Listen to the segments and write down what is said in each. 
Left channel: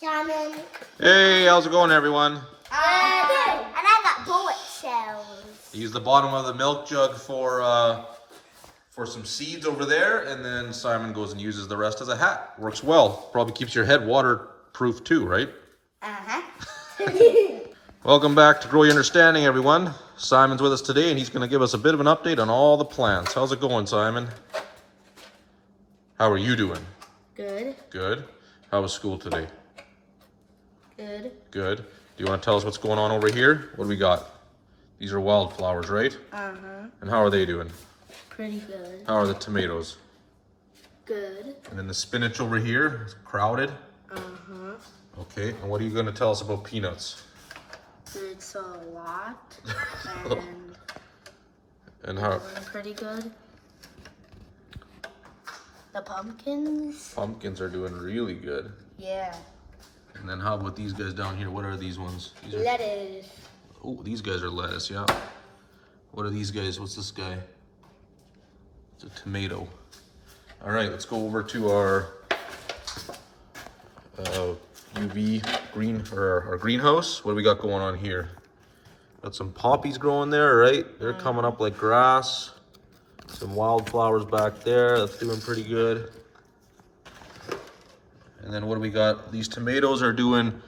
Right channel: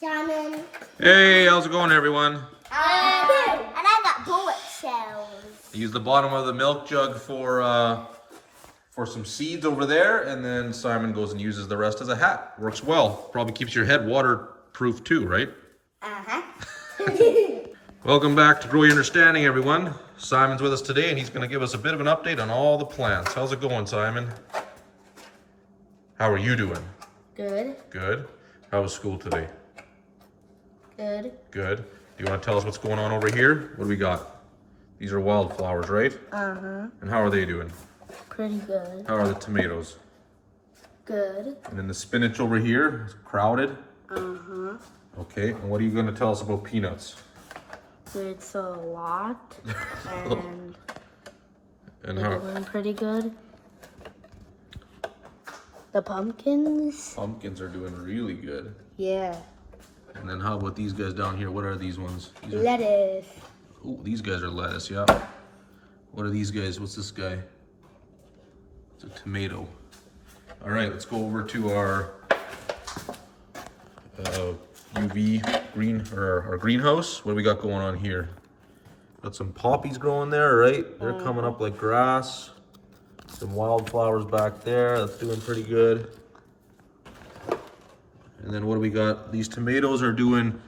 Simon. Hey, how's it going, everyone? And I got bullet shells. Use the bottom of the milk jug for some seeds over there, and then Simon goes and uses the rest as a hat. Works well. Probably keeps your head waterproof too, right? Uh-huh. Welcome back to Grow Your Understanding, everyone. Simon's with us today, and he's going to give us a bit of an update on all the plants. How's it going, Simon? How are you doing? Good. Good. How was school today? Good. Good. Do you want to tell us what's going on over here? What do we got? These are wildflowers, right? Uh-huh. And how are they doing? Pretty good. How are the tomatoes? Good. And then the spinach over here is crowded. Uh-huh. Okay, and what are you going to tell us about peanuts? It's a lot. And how? And pretty good. The pumpkins? Pumpkins are doing really good. Yeah. And then how about these guys down here? What are these ones? These are, Lettuce. oh, these guys are lettuce, yeah. What are these guys? What's this guy? It's a tomato. All right, let's go over to our UV green, or our greenhouse. What do we got going on here? Got some poppies growing there, right? They're coming up like grass. Some wildflowers back there. That's doing pretty good. And then what do we got? These tomatoes are doing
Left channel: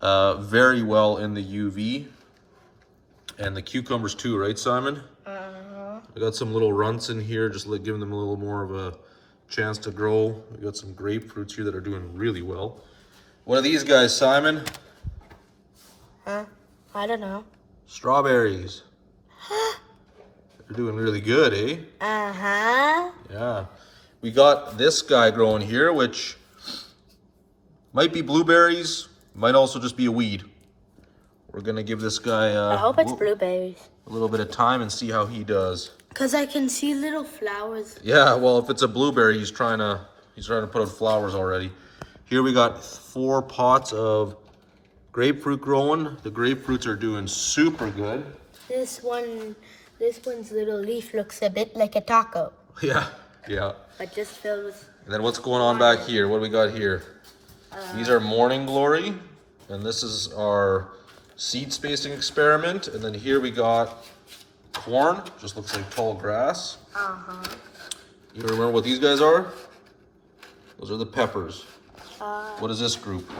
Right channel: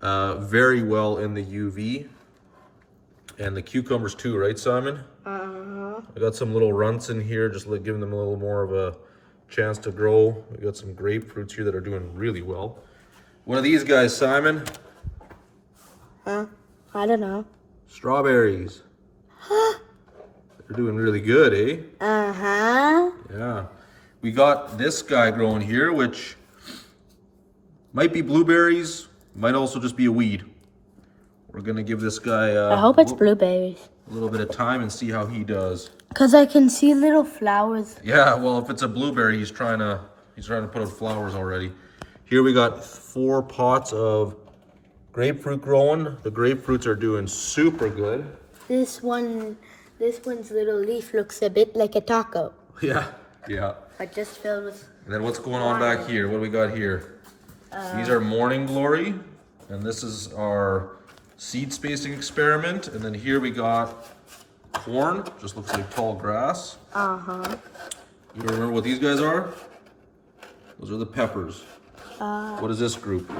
very well in the UV. And the cucumbers too, right, Simon? Uh-huh. I got some little runts in here, just like giving them a little more of a chance to grow. We got some grapefruits here that are doing really well. What are these guys, Simon? Huh? I don't know. Strawberries. They're doing really good, eh? Uh-huh. Yeah. We got this guy growing here, which might be blueberries, might also just be a weed. We're gonna give this guy I hope it's blueberries. a little bit of time and see how he does. Because I can see little flowers. Yeah, well, if it's a blueberry, he's trying to put out flowers already. Here we got 4 pots of grapefruit growing. The grapefruits are doing super good. This one's little leaf looks a bit like a taco. Yeah, yeah. But just filled with... And then what's going on back here? What do we got here? These are morning glory, and this is our seed spacing experiment. And then here we got corn, just looks like tall grass. Uh-huh. You remember what these guys are? Those are the peppers. What is this group?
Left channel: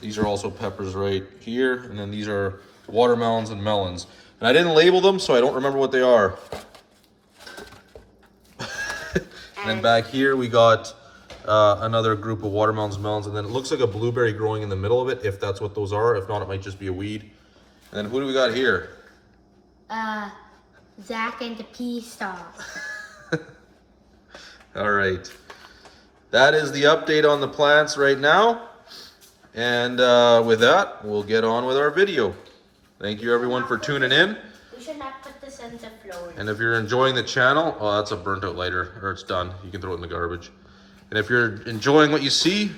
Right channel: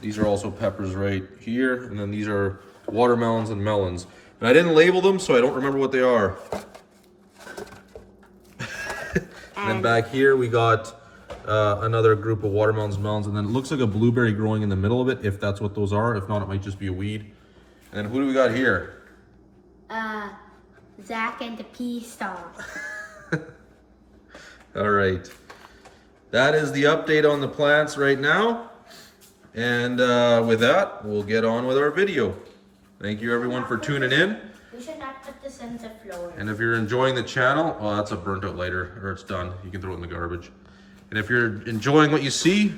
These are also peppers right here, and then these are watermelons and melons. And I didn't label them, so I don't remember what they are. And then back here we got another group of watermelons and melons, and then it looks like a blueberry growing in the middle of it, if that's what those are. If not, it might just be a weed. And then who do we got here? Zach and the pea stalk. All right. That is the update on the plants right now. And with that, we'll get on with our video. Thank you everyone for tuning in. We should not put this in the floor. And if you're enjoying the channel, oh, that's a burnt out lighter, or it's done. You can throw it in the garbage. And if you're enjoying what you see,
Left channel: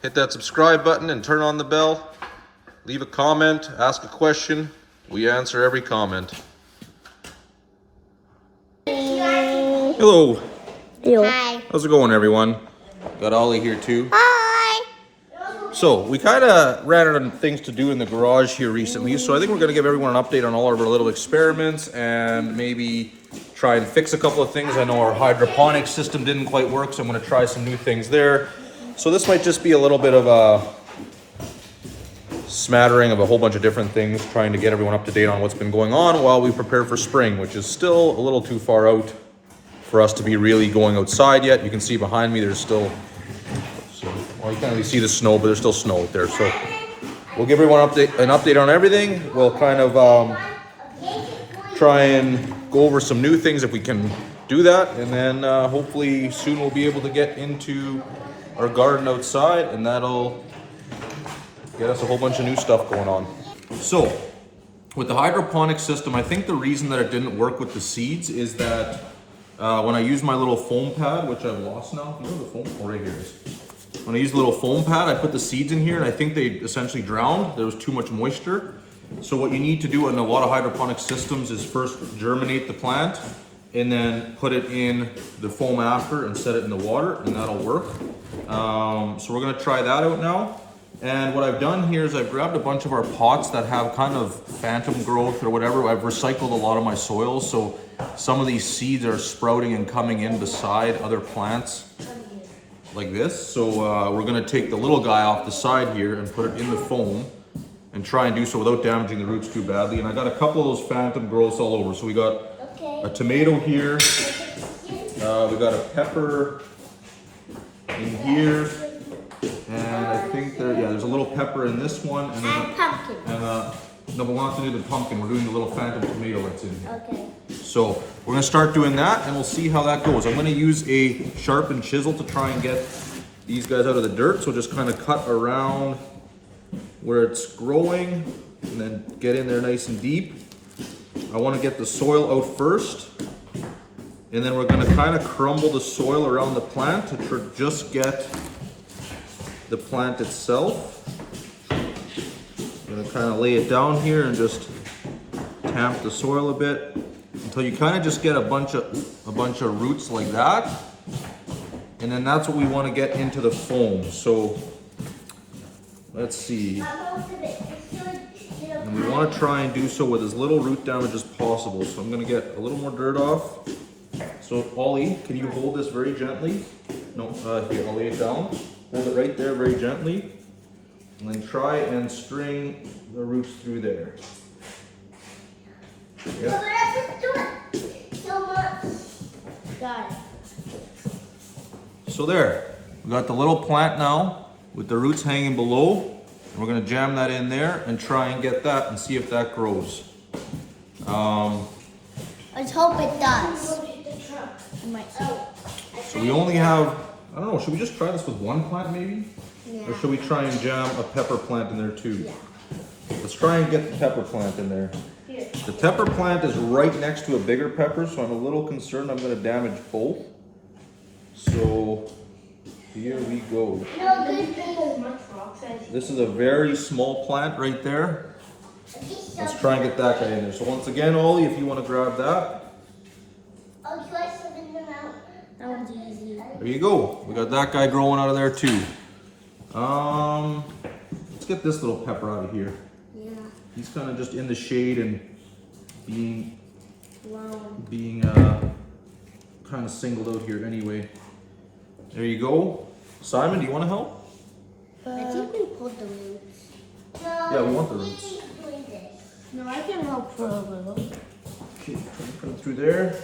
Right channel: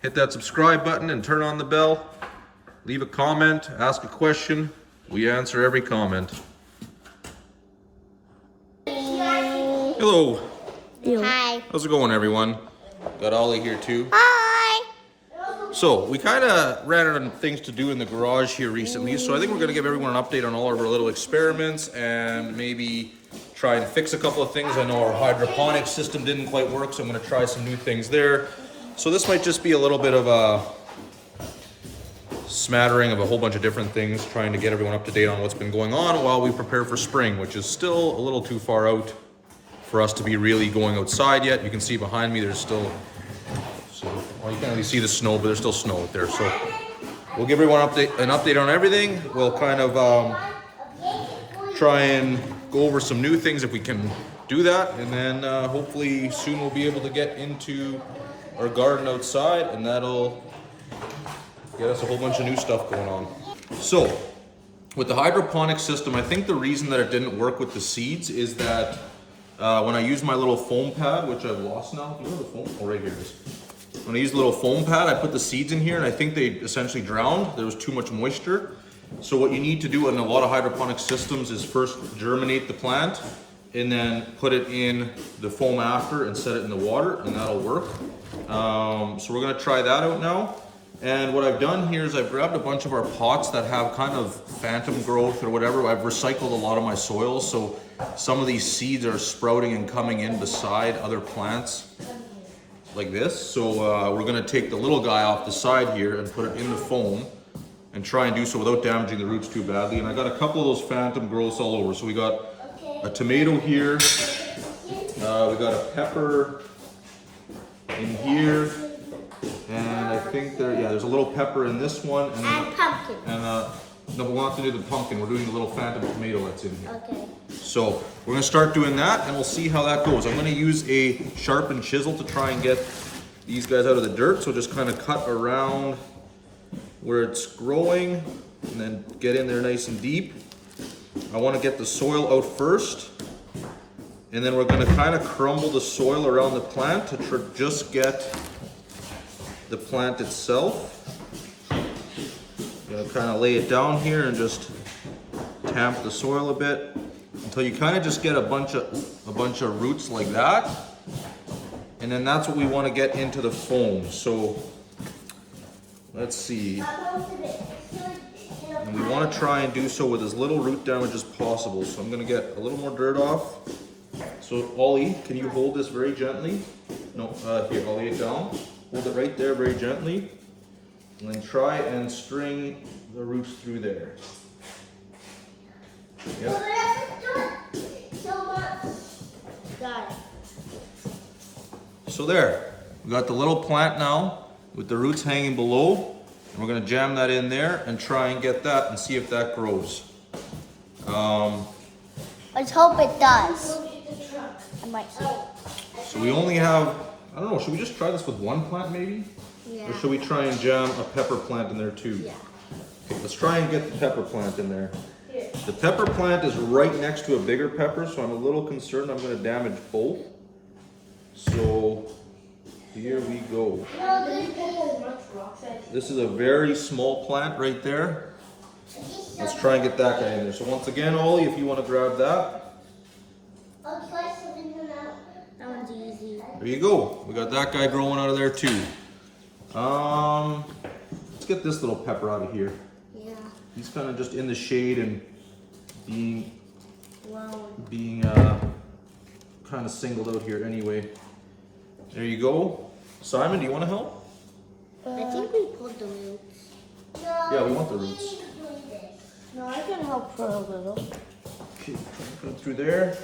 hit that subscribe button and turn on the bell. Leave a comment, ask a question. We answer every comment. Hello. Hello. Hi. How's it going, everyone? Got Ollie here too. Hi. So we kind of ran out of things to do in the garage here recently, so I think we're going to give everyone an update on all of our little experiments and maybe try and fix a couple of things. I know our hydroponics system didn't quite work, so I'm going to try some new things there. So this might just be a little bit of a smattering of a whole bunch of different things, trying to get everyone up to date on what's been going on while we prepare for spring, which is still a little too far out for us to be really going outside yet. You can see behind me there's still, well, you can't really see the snow, but there's still snow out there. So we'll give everyone an update on everything. We'll kind of try and go over some new things if we can do that. And then hopefully soon we'll be able to get into our garden outside, and that'll get us a whole bunch of new stuff going on. So with the hydroponic system, I think the reason that it didn't work with the seeds is that when I used my little foam pad, which I've lost now, where's the foam? Oh, right here it is. When I used the little foam pad, I put the seeds in here, and I think they essentially drowned. There was too much moisture. So what you need to do in a lot of hydroponic systems is first germinate the plant, and then put it in the foam after and set it in the water, and that'll work. So we're gonna try that out now. And what I've done here is I've grabbed a bunch of our pots that have kind of phantom growth or whatever. I've recycled a lot of my soil, so some of these seeds are sprouting and coming in beside other plants like this. So we're gonna take the little guy off the side here and put it in the foam and try and do so without damaging the roots too badly. And I got a couple of those phantom growths all over. So we got a tomato here, we got a pepper in here, and I think there's a little pepper in this one, and pumpkin. And no, but we're not gonna do the pumpkin. We're doing the little phantom tomato that's in here. Okay. So we're gonna start doing that, and we'll see how that goes. I'm gonna use a sharpened chisel to try and get these guys out of the dirt. So just kind of cut around where it's growing, and then get in there nice and deep. I want to get the soil out first, and then we're going to kind of crumble the soil around the plant to just get the plant itself. I'm going to kind of lay it down here and just tamp the soil a bit until you kind of just get a bunch of roots like that, and then that's what we want to get into the foam. So let's see. And we want to try and do so with as little root damage as possible. So I'm going to get a little more dirt off. So Ollie, can you hold this very gently? No, here, I'll lay it down. Hold it right there very gently. And then try and string the roots through there. Yep. Got it. So there, we got the little plant now with the roots hanging below. And we're gonna jam that in there and try and get that and see if that grows. Let's hope it does. So we only have, I don't know, should we just try this with one plant maybe? Yeah. Or should we try and jam a pepper plant in there too? Yeah. Let's try and get the pepper plant in there. The pepper plant is right next to a bigger pepper, so I'm a little concerned I'm gonna damage both. So here we go. This is a very small plant right there. Let's try and get that guy in there. So once again, Ollie, if you want to grab that. That one's easy. There you go. We got that guy growing out of there too. Let's get this little pepper out of here. Yeah. He's kind of just in the shade and being kind of singled out here anyway. There you go. Simon, do you want to help? I think we pulled the roots. Yeah, we want the roots. No, I can help for a little. Okay, try and put it through there.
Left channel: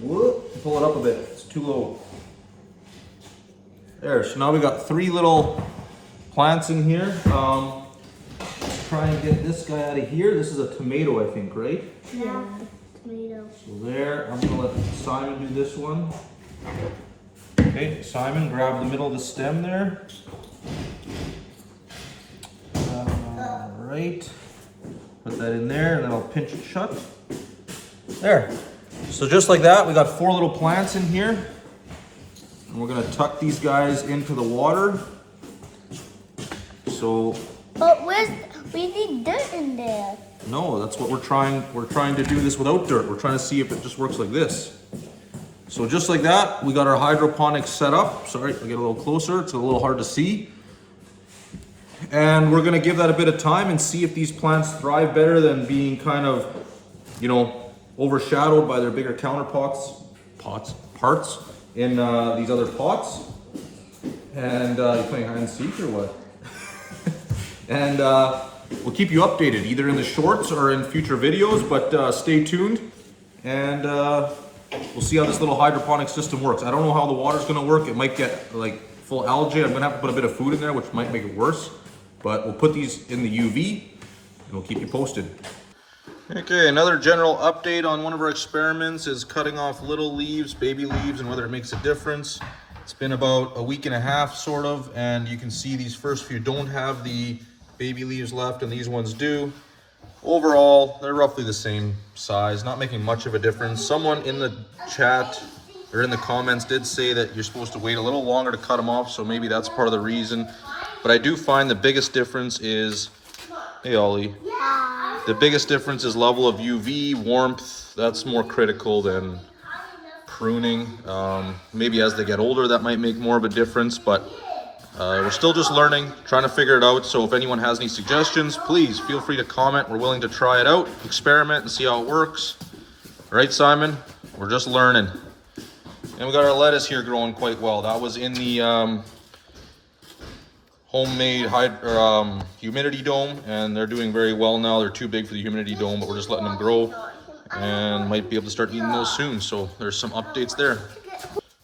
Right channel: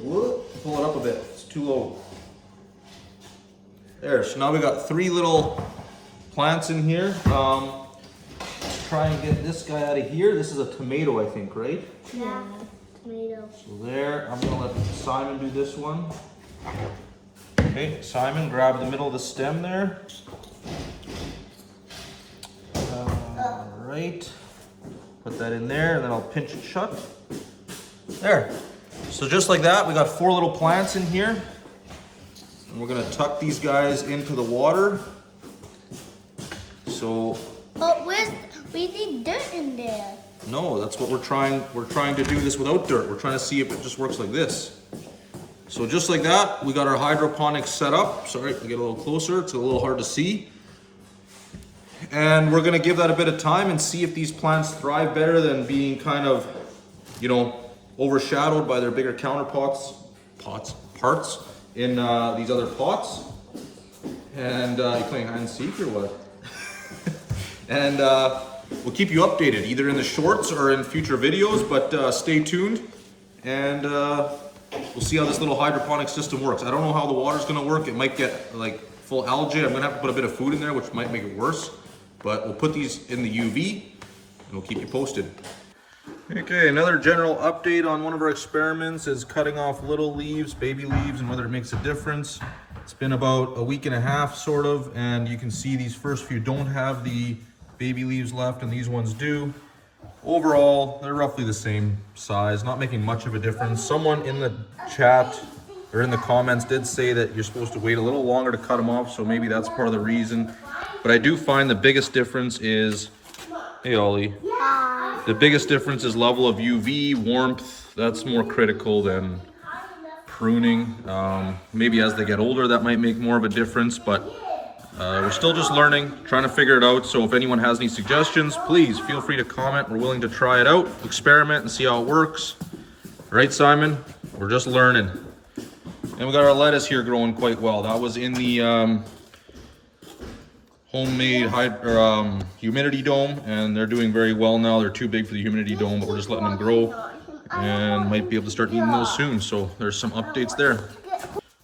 Whoop, pull it up a bit. It's too low. There, so now we got 3 little plants in here. Let's try and get this guy out of here. This is a tomato, I think, right? Yeah, tomato. So there, I'm gonna let Simon do this one. Okay, Simon, grab the middle of the stem there. Right, put that in there, and then I'll pinch it shut. There. So just like that, we got 4 little plants in here. And we're gonna tuck these guys into the water. So. But we need dirt in there. No, that's what we're trying to do this without dirt. We're trying to see if it just works like this. So just like that, we got our hydroponics set up. Sorry, I'll get a little closer. It's a little hard to see. And we're gonna give that a bit of time and see if these plants thrive better than being kind of, you know, overshadowed by their bigger parts in these other pots. And you playing hide and seek or what? And we'll keep you updated either in the shorts or in future videos, but stay tuned. And we'll see how this little hydroponic system works. I don't know how the water's gonna work. It might get like full algae. I'm gonna have to put a bit of food in there, which might make it worse. But we'll put these in the UV and we'll keep you posted. Okay, another general update on one of our experiments is cutting off little leaves, baby leaves, and whether it makes a difference. It's been about a week and a half, sort of, and you can see these first few don't have the baby leaves left and these ones do. Overall, they're roughly the same size, not making much of a difference. Someone in the chat or in the comments did say that you're supposed to wait a little longer to cut them off, so maybe that's part of the reason. But I do find the biggest difference is Hey, Ollie. Hi. The biggest difference is level of UV, warmth. That's more critical than pruning. Maybe as they get older, that might make more of a difference, but we're still just learning, trying to figure it out. So if anyone has any suggestions, please feel free to comment. We're willing to try it out, experiment, and see how it works. Right, Simon? We're just learning. And we got our lettuce here growing quite well. That was in the homemade humidity dome, and they're doing very well now. They're too big for the humidity dome, but we're just letting them grow and might be able to start eating those soon. So there's some updates there.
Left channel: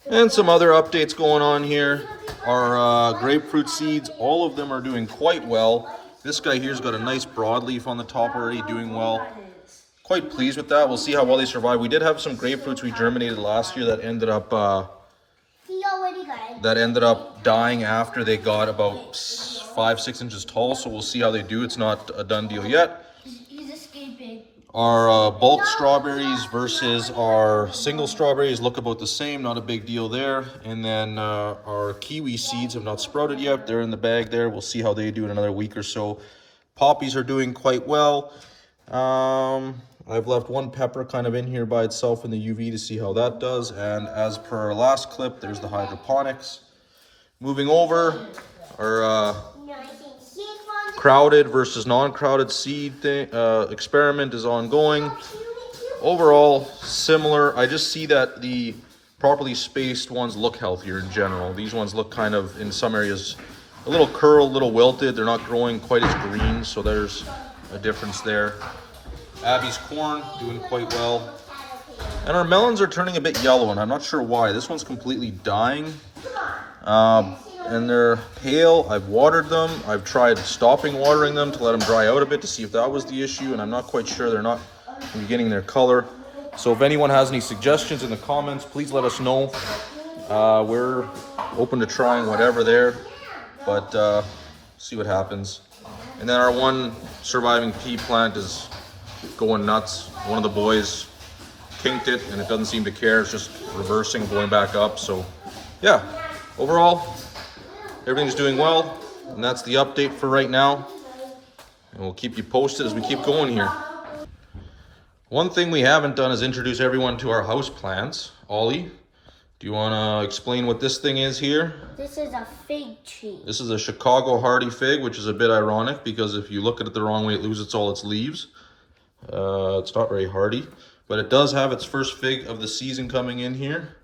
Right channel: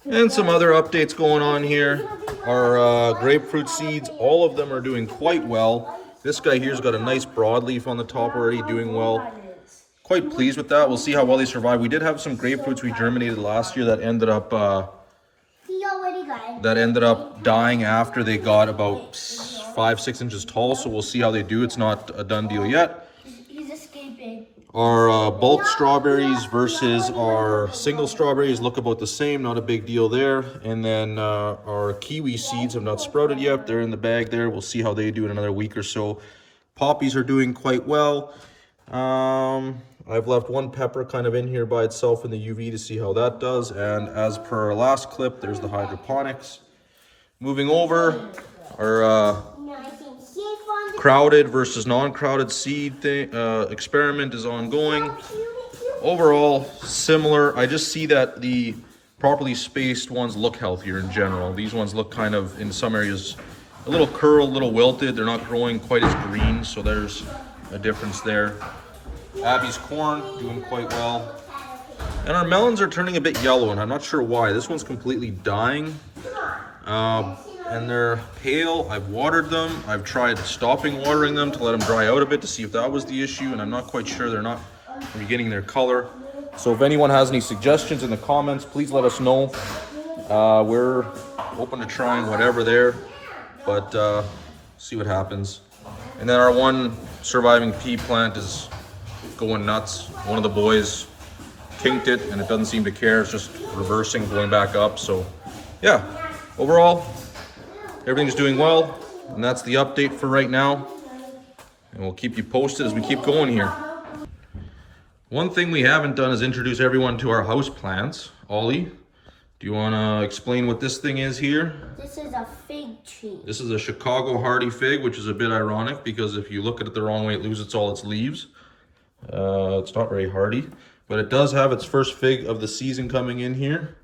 And some other updates going on here. Our grapefruit seeds, all of them are doing quite well. This guy here's got a nice broadleaf on the top already, doing well. Quite pleased with that. We'll see how well they survive. We did have some grapefruits we germinated last year that ended up dying after they got about 5-6 inches tall. So we'll see how they do. It's not a done deal yet. He's escaping. Our bulk strawberries versus our single strawberries look about the same. Not a big deal there. And then our kiwi seeds have not sprouted yet. They're in the bag there. We'll see how they do in another week or so. Poppies are doing quite well. I've left one pepper kind of in here by itself in the UV to see how that does. And as per our last clip, there's the hydroponics. Moving over, our crowded versus non-crowded seed thing, experiment is ongoing. Overall, similar. I just see that the properly spaced ones look healthier in general. These ones look kind of, in some areas, a little curled, a little wilted. They're not growing quite as green, so there's a difference there. Abby's corn doing quite well. And our melons are turning a bit yellow, and I'm not sure why. This one's completely dying. And they're pale. I've watered them. I've tried stopping watering them to let them dry out a bit to see if that was the issue, and I'm not quite sure. They're not regaining their color. So if anyone has any suggestions in the comments, please let us know. We're open to trying whatever there, but see what happens. And then our one surviving pea plant is going nuts. One of the boys kinked it and it doesn't seem to care. It's just reversing, going back up. So yeah, overall, everything's doing well. And that's the update for right now. And we'll keep you posted as we keep going here. One thing we haven't done is introduce everyone to our house plants. Ollie, do you want to explain what this thing is here? This is a fig tree. This is a Chicago hardy fig, which is a bit ironic because if you look at it the wrong way, it loses all its leaves. It's not very hardy, but it does have its first fig of the season coming in here.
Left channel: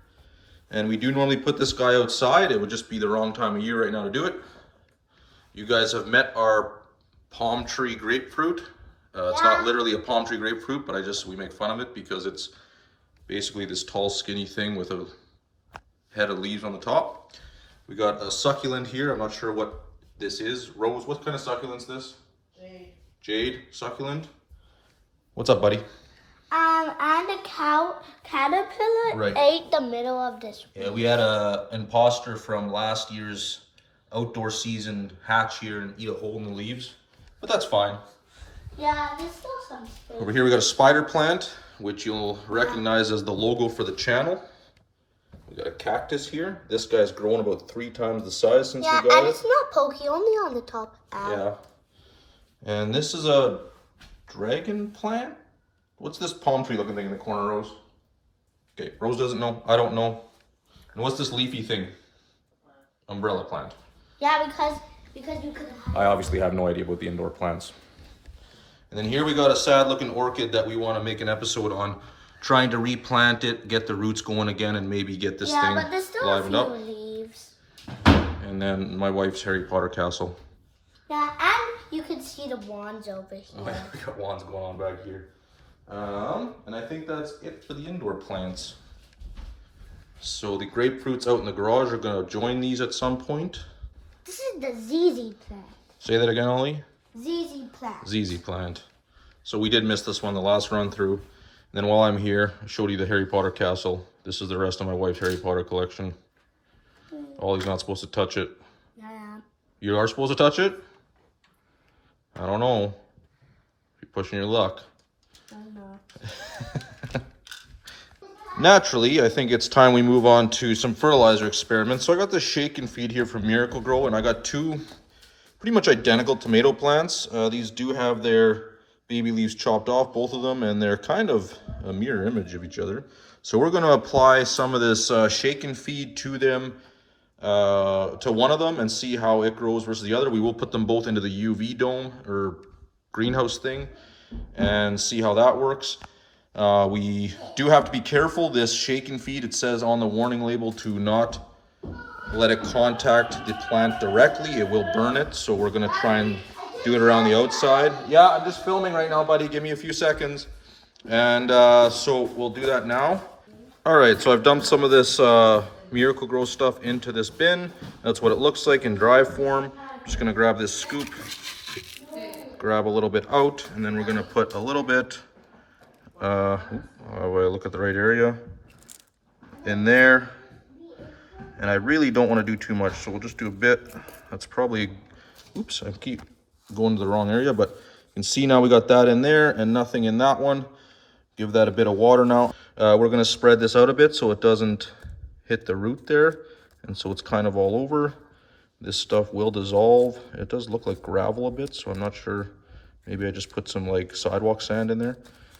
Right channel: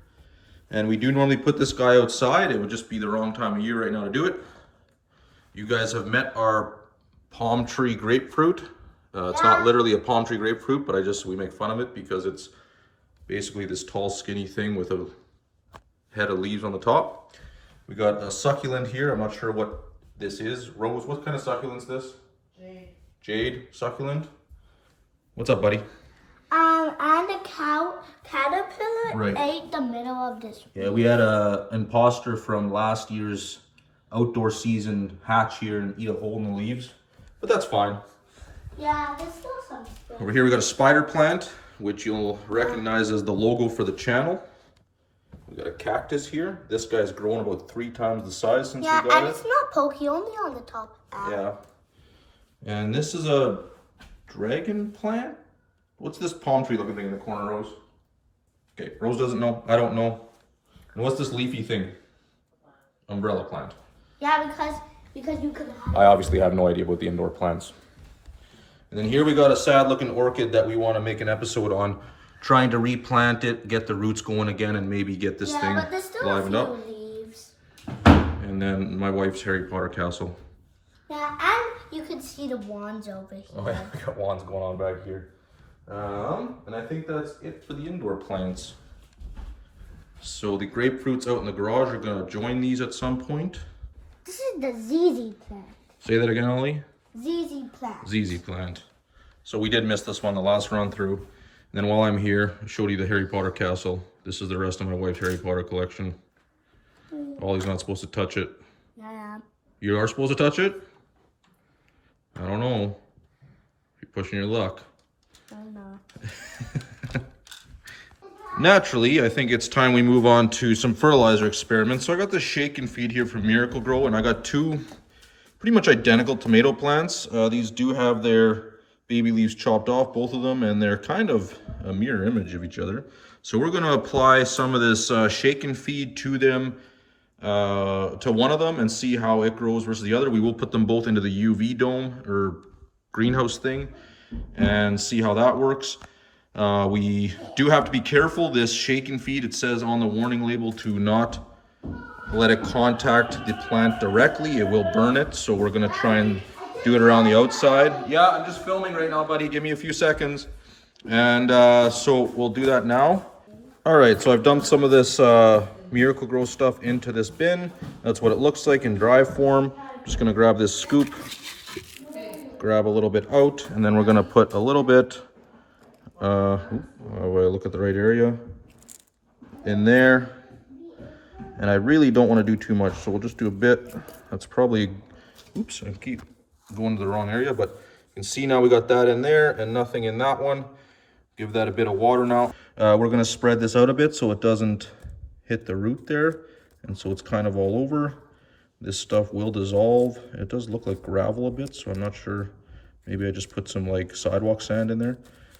And we do normally put this guy outside. It would just be the wrong time of year right now to do it. You guys have met our palm tree grapefruit. It's not literally a palm tree grapefruit, but we make fun of it because it's basically this tall, skinny thing with a head of leaves on the top. We got a succulent here. I'm not sure what this is. Rose, what kind of succulent is this? Jade. Jade succulent. What's up, buddy? And a caterpillar ate the middle of this. Yeah, we had an imposter from last year's outdoor season hatch here and eat a hole in the leaves, but that's fine. Yeah, there's still some space. Over here we got a spider plant, which you'll recognize as the logo for the channel. We got a cactus here. This guy's grown about 3 times the size since we got and it. it's not pokey, only on the top. Yeah. And this is a dragon plant? What's this palm tree looking thing in the corner, Rose? Okay, Rose doesn't know. I don't know. And what's this leafy thing? Umbrella plant. Yeah, because you could. I obviously have no idea about the indoor plants. And then here we got a sad looking orchid that we want to make an episode on. Trying to replant it, get the roots going again, and maybe get this thing but there's still livened a up. few leaves. And then my wife's Harry Potter castle. Yeah, and you can see the wands over here. Oh yeah, we got wands going on back here. And I think that's it for the indoor plants. So the grapefruits out in the garage are gonna join these at some point. This is the ZZ plant. Say that again, Ollie? ZZ plant. ZZ plant. So we did miss this one the last run through. And then while I'm here, I showed you the Harry Potter castle. This is the rest of my wife's Harry Potter collection. Ollie's not supposed to touch it. Yeah. You are supposed to touch it? I don't know. You're pushing your luck. I don't know. Naturally, I think it's time we move on to some fertilizer experiments. So I got the shake and feed here from Miracle Grow, and I got 2 pretty much identical tomato plants. These do have their baby leaves chopped off, both of them, and they're kind of a mirror image of each other. So we're going to apply some of this shake and feed to them, to one of them, and see how it grows versus the other. We will put them both into the UV dome or greenhouse thing and see how that works. We do have to be careful. This shake and feed, it says on the warning label to not let it contact the plant directly. It will burn it, so we're going to try and do it around the outside. Yeah, I'm just filming right now, buddy. Give me a few seconds. And so we'll do that now. All right, so I've dumped some of this Miracle-Gro stuff into this bin. That's what it looks like in dry form. Just going to grab this scoop, grab a little bit out, and then we're going to put a little bit, I look at the right area, in there. And I really don't want to do too much, so we'll just do a bit. That's probably, oops, I keep going to the wrong area, but you can see now we got that in there and nothing in that one. Give that a bit of water now. We're going to spread this out a bit so it doesn't hit the root there, and so it's kind of all over. This stuff will dissolve. It does look like gravel a bit, so I'm not sure. Maybe I just put some like sidewalk sand in there.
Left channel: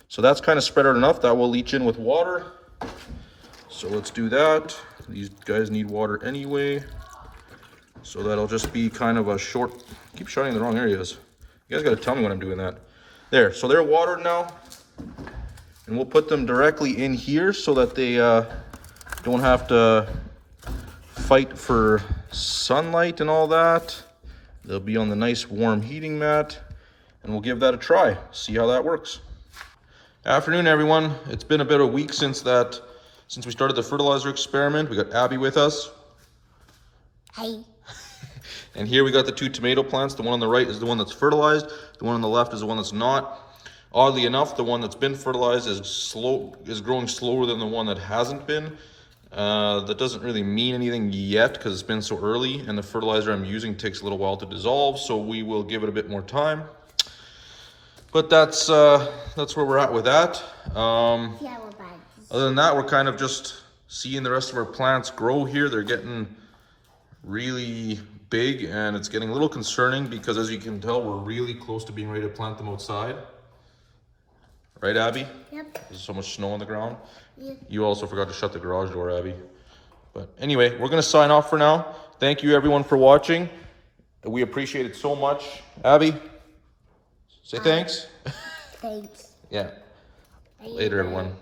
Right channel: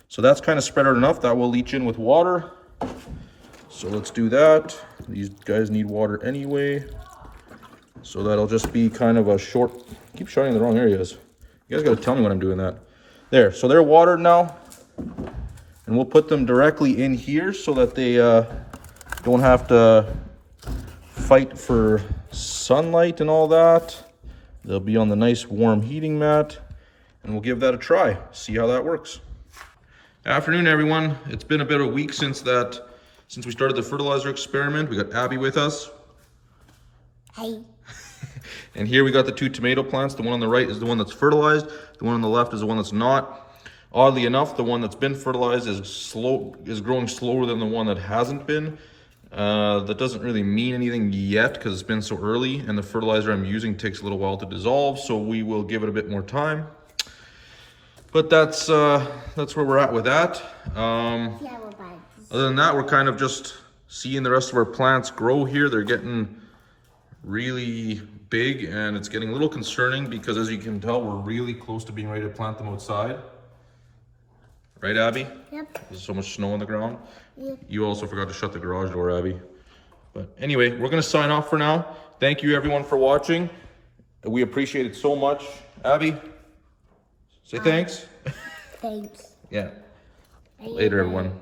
So that's kind of spread out enough. That will leach in with water. So let's do that. These guys need water anyway. So that'll just be kind of a short, keep shutting the wrong areas. You guys got to tell me when I'm doing that. There, so they're watered now. And we'll put them directly in here so that they don't have to fight for sunlight and all that. They'll be on the nice warm heating mat. And we'll give that a try, see how that works. Afternoon, everyone. It's been a bit of a week since we started the fertilizer experiment. We got Abby with us. Hi. And here we got the two tomato plants. The one on the right is the one that's fertilized. The one on the left is the one that's not. Oddly enough, the one that's been fertilized is growing slower than the one that hasn't been. That doesn't really mean anything yet because it's been so early, and the fertilizer I'm using takes a little while to dissolve, so we will give it a bit more time. But that's where we're at with that. Other than that, we're kind of just seeing the rest of our plants grow here. They're getting really big, and it's getting a little concerning because, as you can tell, we're really close to being ready to plant them outside. Right, Abby? Yep. There's so much snow on the ground. Yep. You also forgot to shut the garage door, Abby. But anyway, we're going to sign off for now. Thank you, everyone, for watching. We appreciate it so much. Abby, say thanks. Thanks. Yeah. Later, everyone.